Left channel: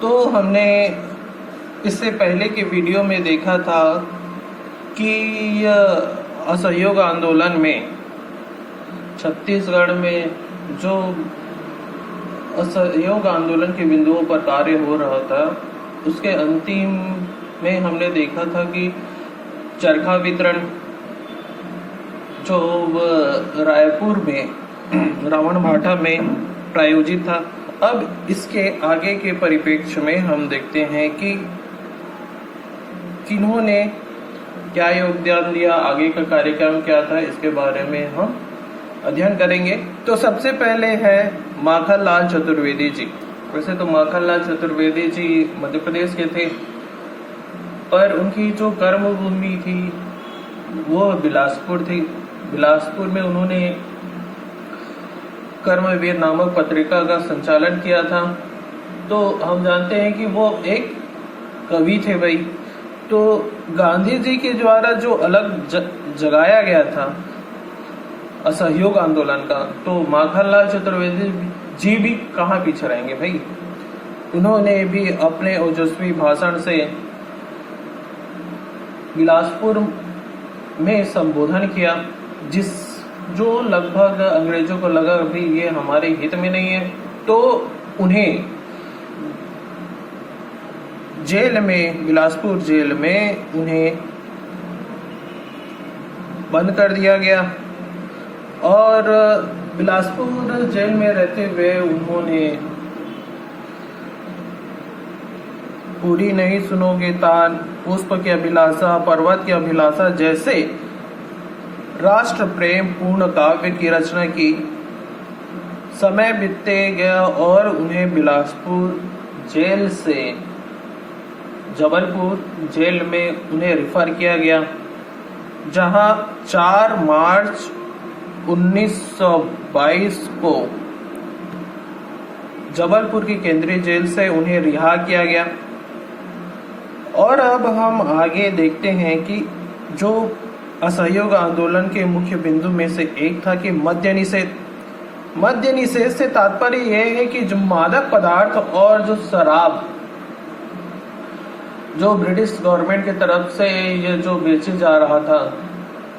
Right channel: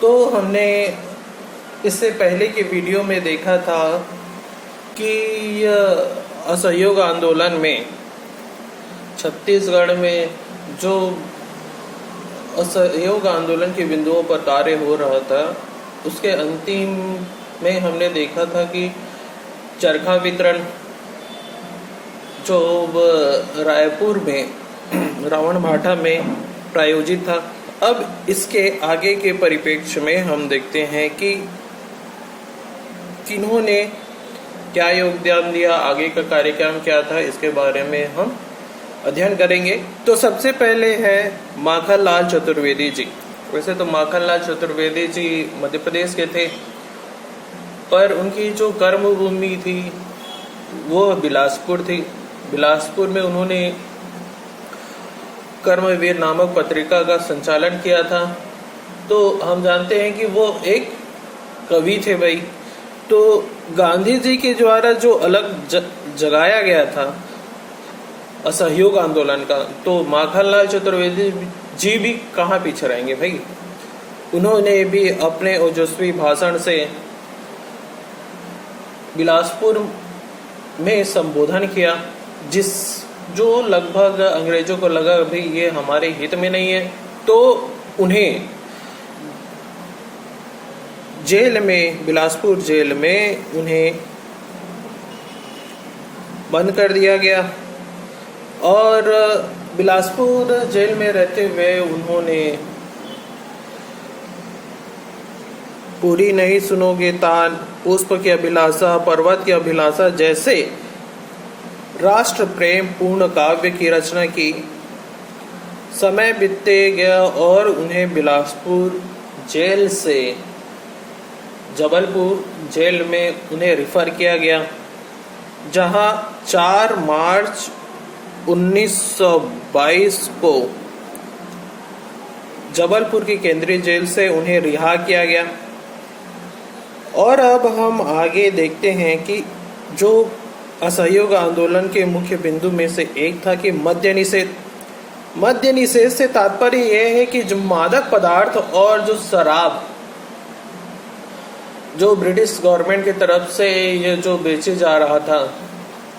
तो हमने इससे पहले के वीडियो में देखा था कि असहयोग आंदोलन में छत्तीसगढ़ में जो असहयोग आंदोलन के बिंदुओं पर कार्य हो रहा था, उसके अंतिम में हमने देखा था कि चरखा वितरण जो रायपुर में रावण भाटा में प्रायोजित था। अब इसके आगे के परिप्रेक्ष्य में हम देखते हैं कि किन्होंने क्या योगदान दिया, आगे का कार्यक्रम क्या था, इसके बारे में हम अध्ययन करेंगे। तो सबसे पहले है माखनलाल चतुर्वेदी जी। वैसे तो माखनलाल चतुर्वेदी जी मध्य प्रदेश के थे, पर उनकी जो कर्मभूमि थी वो बिलासपुर थी। बिलासपुर में उन्होंने कर्मवीर नामक पत्रिका का संचालन किया था। तो हम जानते हैं कि वो एक कवि थे भाई। तो गांधी जी के द्वारा जो अलग जगाया गया था असहयोग आंदोलन का, तो माखनलाल चतुर्वेदी जी भी कहाँ पीछे रहेंगे भाई। उन्होंने भी अपने ओजस्वी भाषण से बिलासपुर में संबोधन किया, जो लगभग अंग्रेजों को लगा भाई ये हमारे हित में नहीं है। तो उन्हें जेल में, बिलासपुर जेल में उन्हें बंद कर दिया गया और बिलासपुर जेल में रहते हुए उन्होंने पूरी नहीं सुनोगे ताल, पुष्प की अभिलाषा, पर्वत की अभिलाषा जैसे राष्ट्र प्रेम पूर्ण काव्य की रचना की। समय बीतते गया और उन्हें बिलासपुर जेल से जबलपुर जेल में उन्हें रिफर किया गया, जहां 4 मार्च 1922 को जबलपुर की केंद्रीय जेल से उन्हें रिहा किया गया। और अब हम आगे देखते हैं कि जो असहयोग आंदोलन के मुख्य बिंदु में से एक था कि मद्य निषेध। मद्य निषेध से तात्पर्य यह है कि जो मादक पदार्थ और जो शराब जो ब्रिटिश गवर्नमेंट की तरफ से ये जो बेचे जा रहा था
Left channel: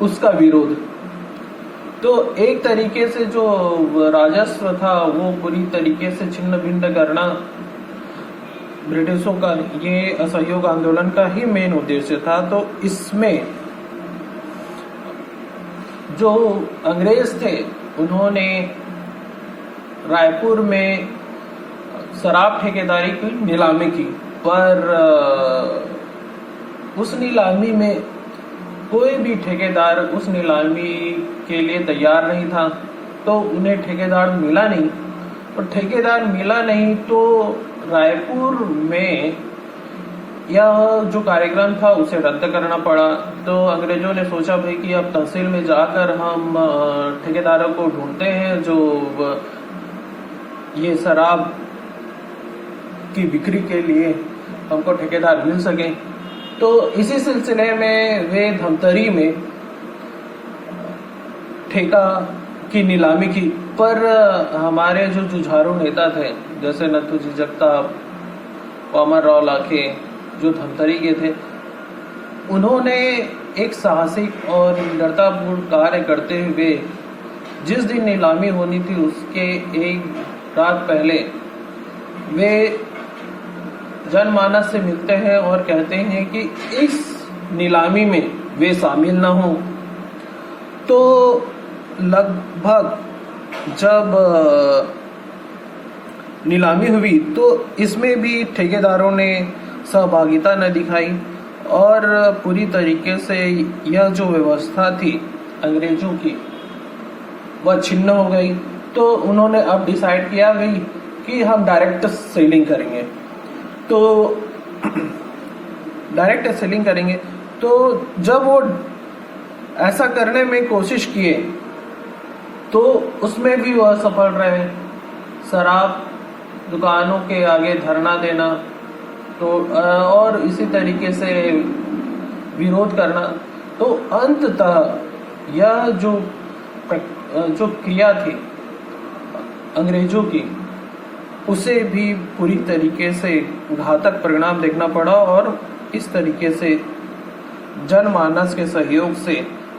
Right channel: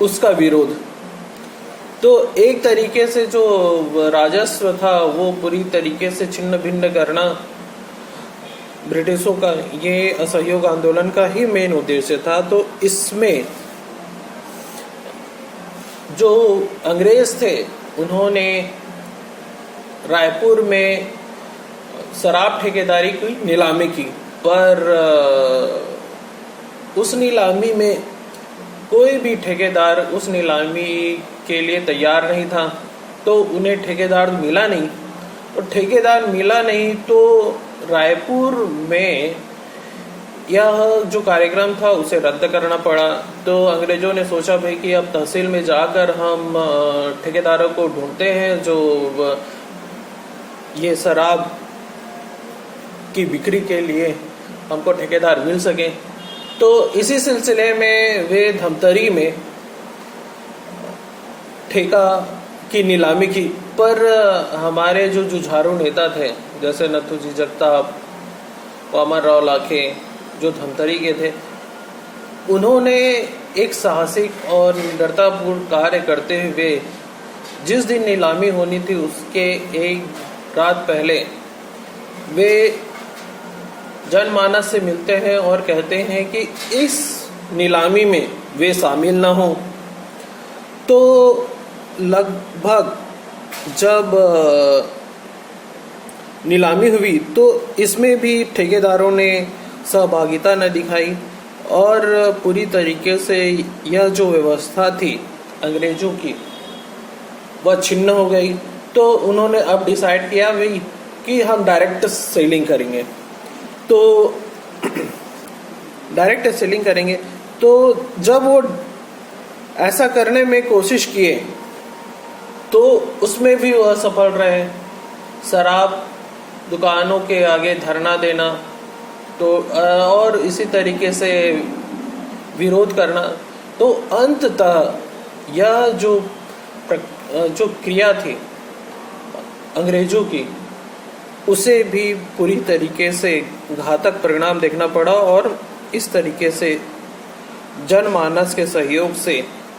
उसका विरोध। तो एक तरीके से जो राजस्व था वो पूरी तरीके से छिन्न भिन्न करना ब्रिटिशों का, ये असहयोग आंदोलन का ही मेन उद्देश्य था। तो इसमें जो अंग्रेज थे उन्होंने रायपुर में शराब ठेकेदारी की नीलामी की, पर उस नीलामी में कोई भी ठेकेदार उस नीलामी के लिए तैयार नहीं था। तो उन्हें ठेकेदार मिला नहीं, और ठेकेदार मिला नहीं तो रायपुर में यह जो कार्यक्रम था उसे रद्द करना पड़ा। तो अंग्रेजों ने सोचा भाई कि अब तहसील में जाकर हम ठेकेदारों को ढूंढते हैं जो ये शराब की बिक्री के लिए हमको ठेकेदार मिल सके। तो इसी सिलसिले में वे धमतरी में ठेका की नीलामी की। पर हमारे जो जुझारू नेता थे जैसे नथुजी जगताप, वामन राव लाखे, जो धमतरी के थे, उन्होंने एक साहसिक और निडरतापूर्ण कार्य करते हुए जिस दिन नीलामी होनी थी उसके एक रात पहले वे जनमानस से मिलते हैं और कहते हैं कि इस नीलामी में वे शामिल ना हों। तो लगभग जब नीलामी हुई तो इसमें भी ठेकेदारों ने सहभागिता न दिखाई और पूरी तरीके से यह जो व्यवस्था थी अंग्रेजों की वह छिन्न हो गई। तो उन्होंने अब डिसाइड किया भाई कि हम डायरेक्ट सेलिंग करेंगे। तो डायरेक्ट सेलिंग करेंगे। तो जब वो ऐसा करने में कोशिश किए तो उसमें भी वह सफल रहे। शराब दुकानों के आगे धरना देना तो और इसी तरीके से विरोध करना। तो अंततः यह जो क्रिया थी अंग्रेजों की उसे भी पूरी तरीके से घातक परिणाम देखना पड़ा और इस तरीके से जनमानस के सहयोग से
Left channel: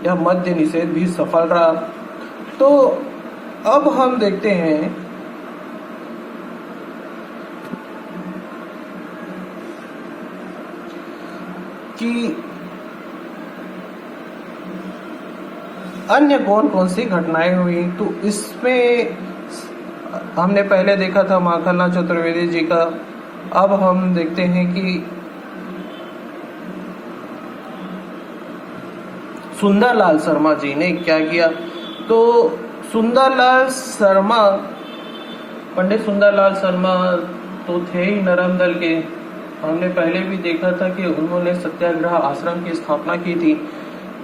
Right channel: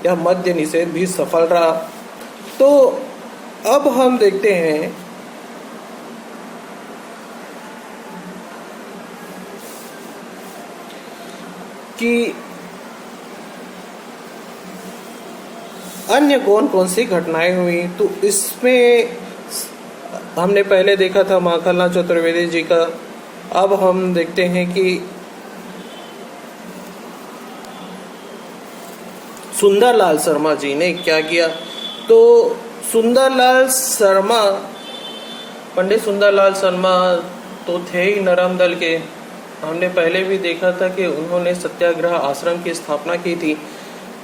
यह मद्य निषेध भी सफल रहा। तो अब हम देखते हैं कि अन्य कौन कौन सी घटनाएं हुई। तो इसमें हमने पहले देखा था माखनलाल चतुर्वेदी जी का, अब हम देखते हैं कि सुंदरलाल शर्मा जी ने क्या किया। तो सुंदरलाल शर्मा, पंडित सुंदरलाल शर्मा तो थे ही नरम दल के। हमने पहले भी देखा था कि उन्होंने सत्याग्रह आश्रम की स्थापना की थी।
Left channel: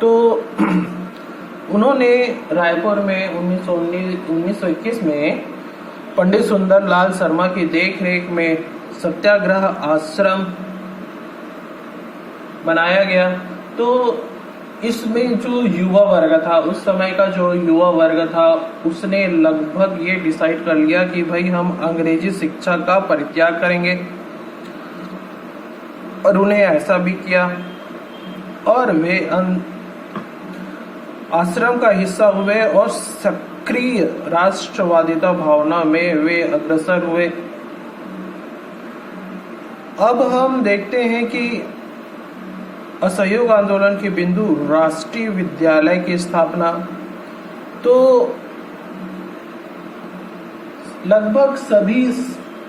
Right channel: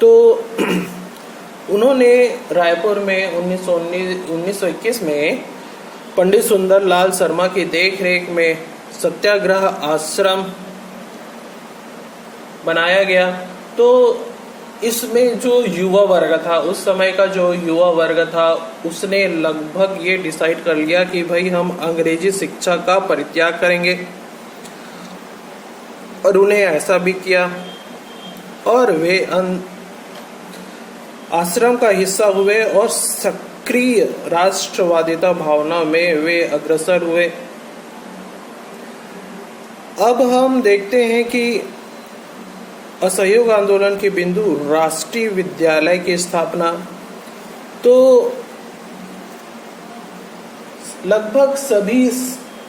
तो उन्होंने रायपुर में 1921 में पंडित सुंदरलाल शर्मा की देखरेख में सत्याग्रह आश्रम बनाया गया। तो इसमें जो युवा वर्ग था, उस समय का जो युवा वर्ग था, उसने लगभग ये डिसाइड कर लिया कि भाई हम अंग्रेजी शिक्षा का परित्याग करेंगे, और उन्हें ऐसा भी किया और वे आश्रम का हिस्सा हुए और सक्रिय राष्ट्रवादिता भावना में वे अग्रसर हुए। अब हम देखते हैं कि असहयोग आंदोलन के बिंदु राष्ट्रीय विद्यालय की स्थापना। तो लगभग सभी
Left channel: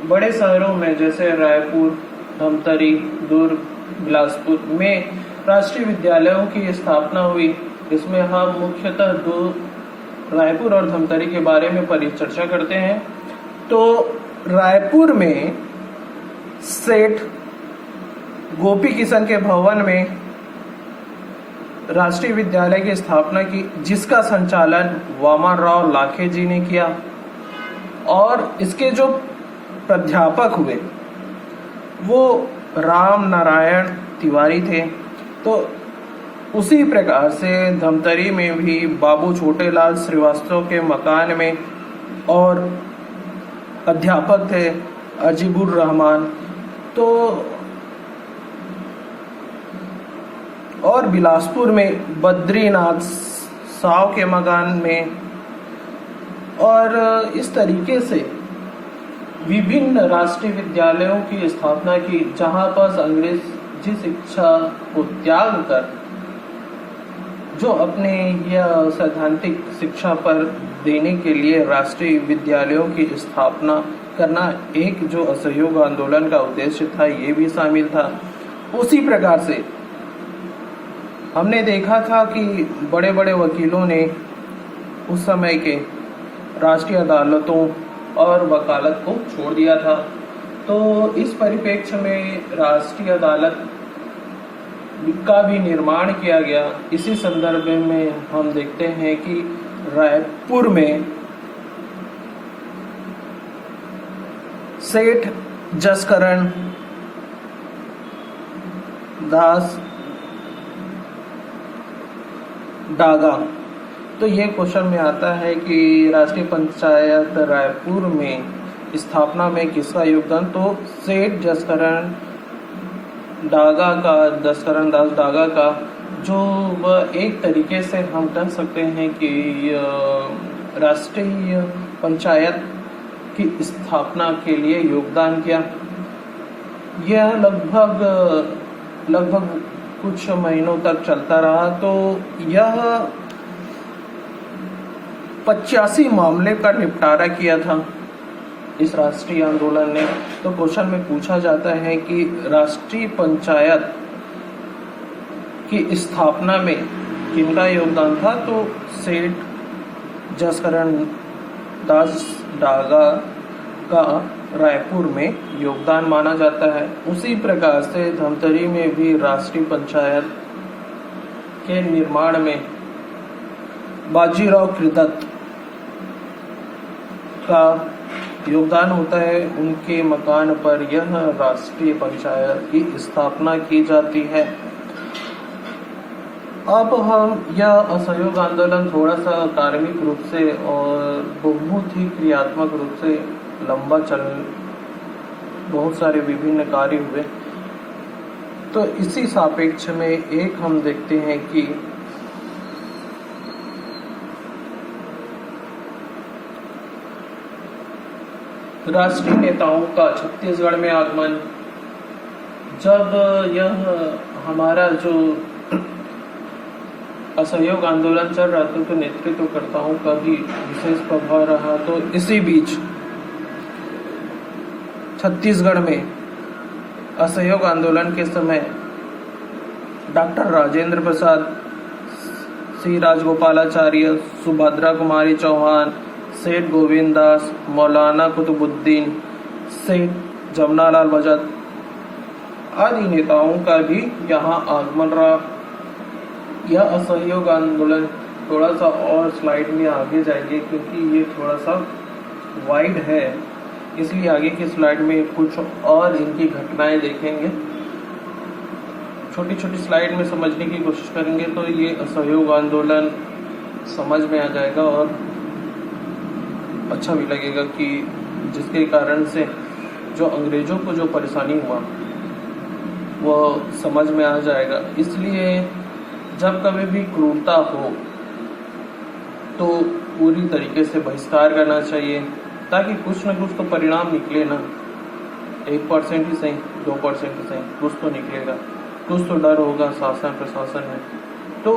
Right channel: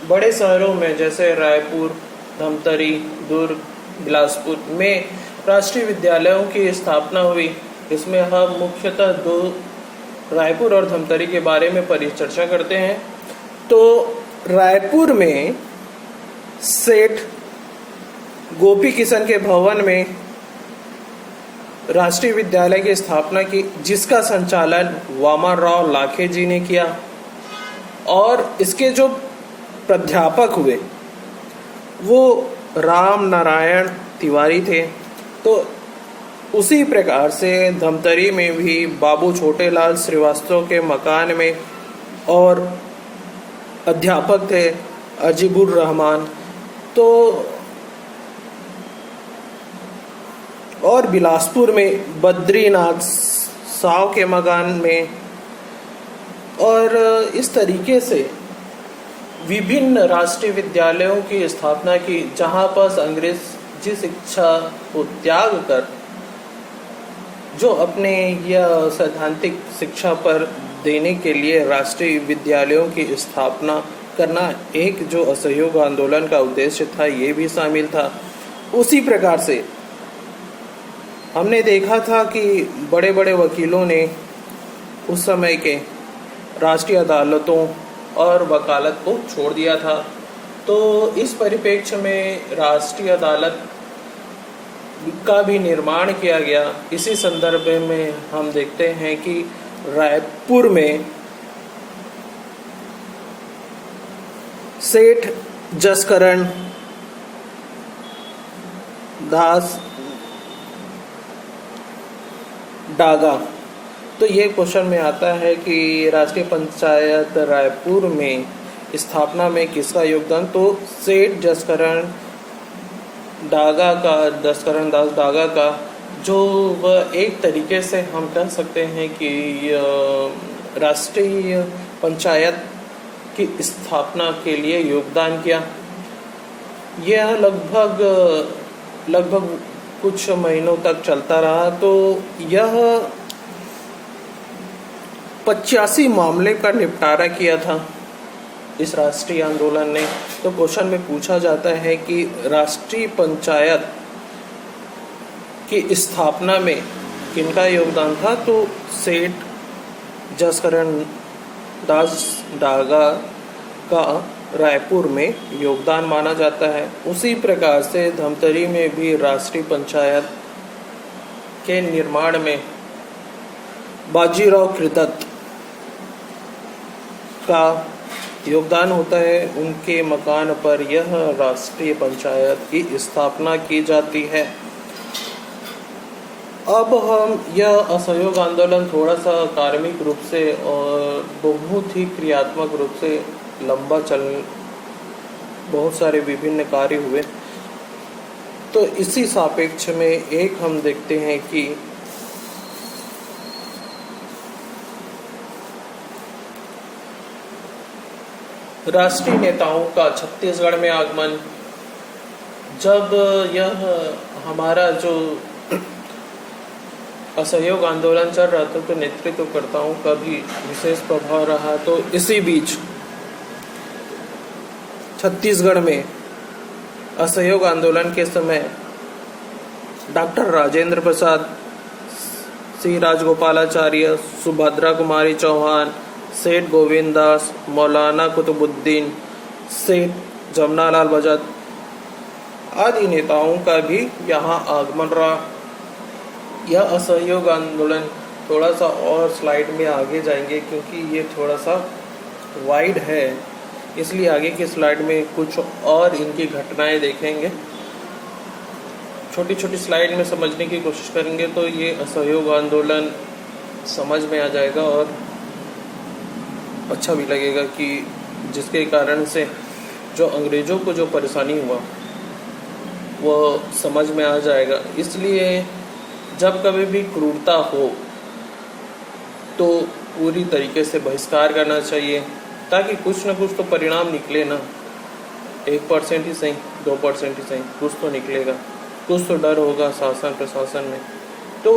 बड़े शहरों में जैसे रायपुर, धमतरी, दुर्ग, बिलासपुर में राष्ट्रीय विद्यालयों की स्थापना हुई। इसमें हम मुख्यतः दो, रायपुर और धमतरी के बारे में परिचर्चा करते हैं। तो रायपुर में सेठ गोपी किशन के भवन में राष्ट्रीय विद्यालय की स्थापना की, जिसका संचालन वामन राव लाखे जी ने किया, और इसके जो प्राध्यापक हुए वो राम नारायण तिवारी थे। तो उसी प्रकार से धमतरी में भी बाबू छोटेलाल श्रीवास्तव के मकान में और अध्यापक थे अजीबुर रहमान। तो और बिलासपुर में बद्रीनाथ साव के मकान में, और इस तरीके से विभिन्न राष्ट्रीय विद्यालयों की स्थापना की, जहां पर अंग्रेजी शिक्षा को त्याग कर जो अपने यह सैद्धांतिक शिक्षा पर देने के लिए राष्ट्रीय विद्यालयों की स्थापना करना एक जो असहयोग आंदोलन का उद्देश्य था, ये भी शामिल था। उसी प्रकार से हमने देखा था कि बड़े बड़े वकीलों ने उस समय के राष्ट्रीय अदालतों और वकालत को छोड़ दिया था। तो इस परिप्रेक्ष्य में राष्ट्रीय अदालत का भी निर्माण किया गया। इसी संदर्भ में हम देखते हैं कि रायपुर में सेठ जसकरण दास डागा। तो ये क्वेश्चन में आता है कि राष्ट्रीय पंचायत रायपुर में स्थापना में किसका योगदान। तो सेठ जसकरण दास डागा का, जो वह एक तरीके से हम कह सकते हैं कि राष्ट्रीय पंचायत की स्थापना के लिए योगदान किया। यह लगभग कुछ महीनों तक चलता रहा। तो यह 85 मामले का निपटारा किया था इस राष्ट्रीय आंदोलन ने। तो क्वेश्चन में पूछा जाता है कि राष्ट्रीय पंचायत की स्थापना में किनका योगदान था। तो सेठ जसकरण दास डागा का रायपुर में योगदान माना जाता है। उसी प्रकार से धमतरी में भी राष्ट्रीय पंचायत के निर्माण में बाजीराव कृदत्त का योगदान होता है। उनके मकान पर यह राष्ट्रीय पंचायत की स्थापना की जाती है। अब हम यह असहयोग आंदोलन थोड़ा सा कार्मिक रूप से और बहुत ही क्रियात्मक रूप से लंबा बहुत सारे विभिन्न कार्य हुए। तो इसी सापेक्ष में एक हम देखते हैं कि राष्ट्रीय नेताओं का छत्तीसगढ़ में आगमन। जब यह हमारा जो असहयोग आंदोलन चल रहा था तो नेतृत्वकर्ताओं का भी विशेष प्रभाव रहा। तो इसी बीच छत्तीसगढ़ में असहयोग आंदोलन के समय डॉक्टर राजेंद्र प्रसाद, सी राजगोपालाचार्य, सुभद्रा कुमारी चौहान, सेठ गोविंद दास, मौलाना कुतुबुद्दीन, सेठ जमनालाल बजाज आदि नेताओं का भी यहाँ आगमन रहा। यह असहयोग आंदोलन थोड़ा सा और स्लाइड में आगे जाएंगे क्योंकि ये थोड़ा सा वाइड है, इसलिए आगे की स्लाइड में कुछ और इनकी घटनाएं देखेंगे। छोटी छोटी स्लाइड में समझने की कोशिश करेंगे तो ये असहयोग आंदोलन समझ में आ जाएगा और अच्छा भी लगेगा कि जिसके कारण से जो अंग्रेजों को जो परेशानी हुआ वो समझ में आ जाएगा। इसलिए जब कभी भी क्रूरता हो तो पूरी तरीके से बहिष्कार करना चाहिए ताकि कुछ न कुछ तो परिणाम निकले ना। 1% ही सही, 2% ही सही, कुछ तो निकलेगा, कुछ तो डर होगा शासन प्रशासन में। तो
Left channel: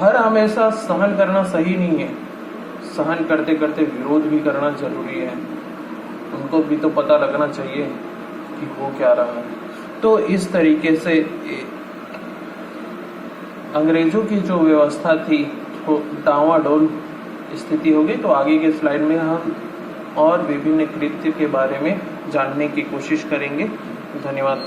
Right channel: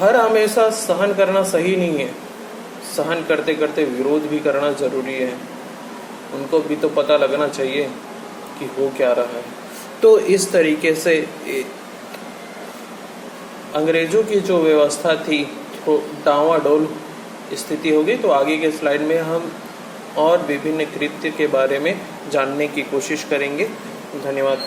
हर हमेशा सहन करना सही नहीं है, सहन करते करते विरोध भी करना जरूरी है। उनको भी तो पता लगना चाहिए कि हो क्या रहा है। तो इस तरीके से अंग्रेजों की जो व्यवस्था थी वो डावाडोल स्थिति होगी। तो आगे के स्लाइड में हम और विभिन्न कृत्य के बारे में जानने की कोशिश करेंगे। धन्यवाद।